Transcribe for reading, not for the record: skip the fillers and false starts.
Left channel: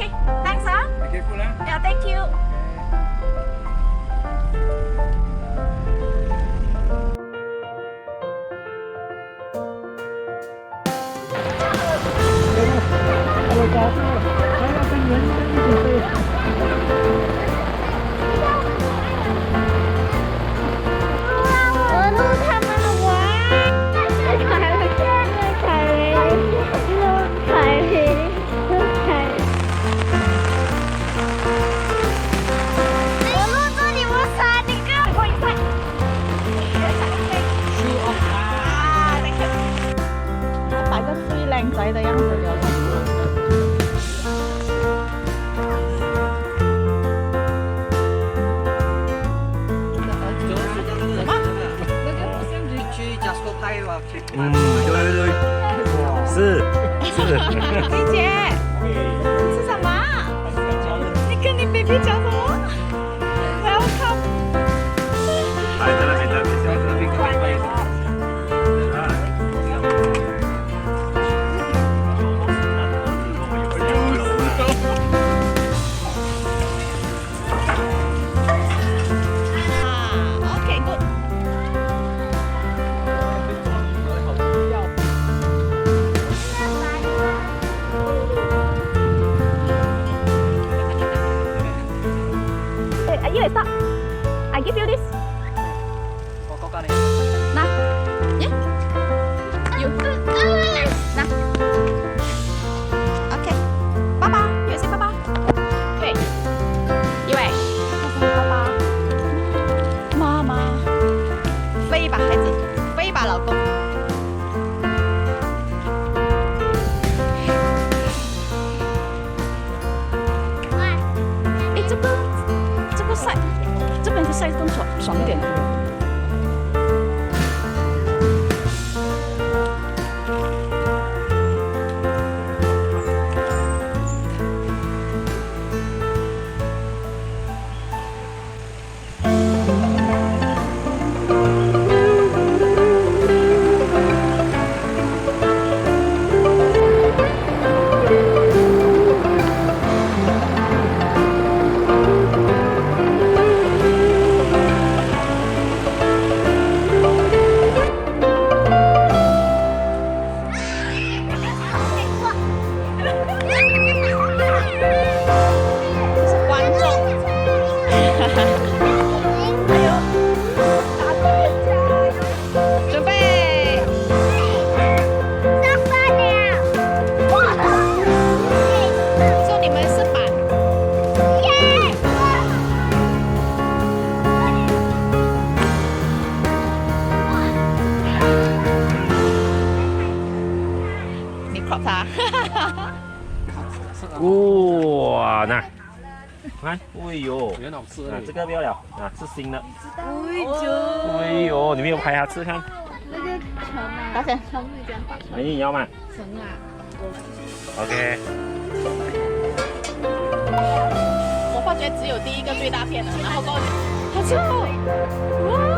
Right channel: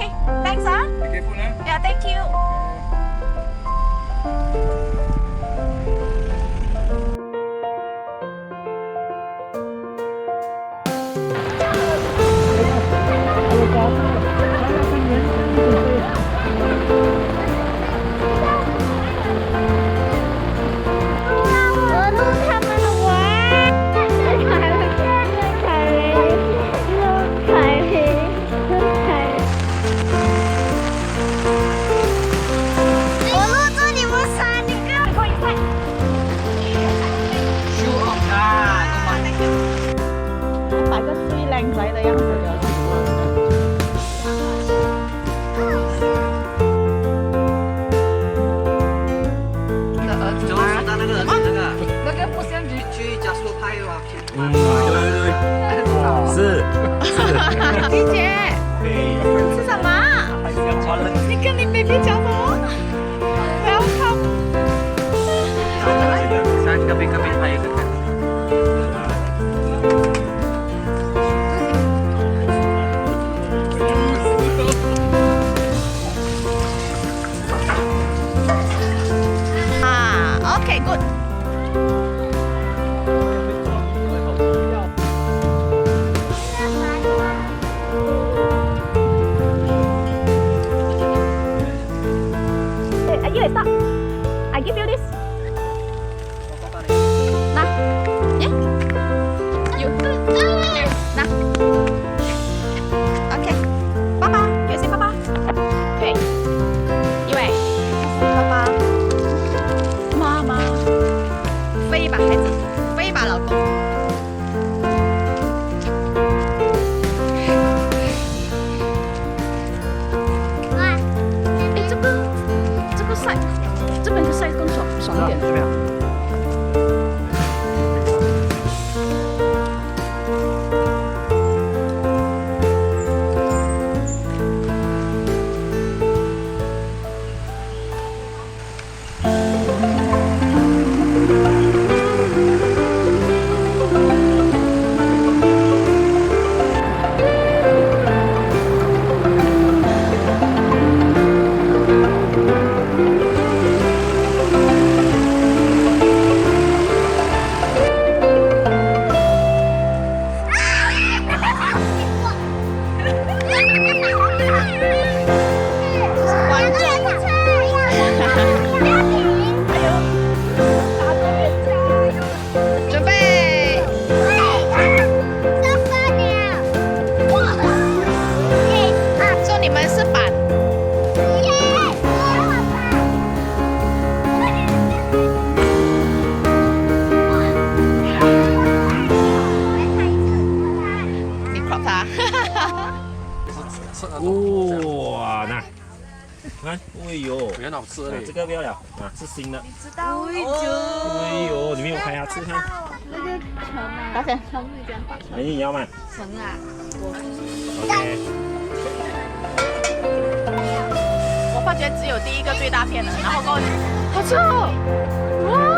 Okay, thanks ah. Be careful, huh? Yeah, thank you. Hãy 擺個最靚仔的樣子了。去 Jasco 拍吧，去。对，是。李姐，吃什么？你跟你 baby 讲什么 ？Welcome。啊，OK good。You stop. I give you this. 拿，耶，you，拿，OK，爸爸，你也是爸爸，对，因为爸爸，妈妈，飞吧孩子，飞吧老公。哎，这个晒，这边的晒更爽一点。准备，说你们是板。你 crop 它。哇，那，看，哎呦，很好吃这个不要了，啊，是新的。哎哎呦，你没有拍它吃看？多谢。哎，你要吗？成啊， OK。我发觉只有第一个最大片了，然后过后好吃哦，哇！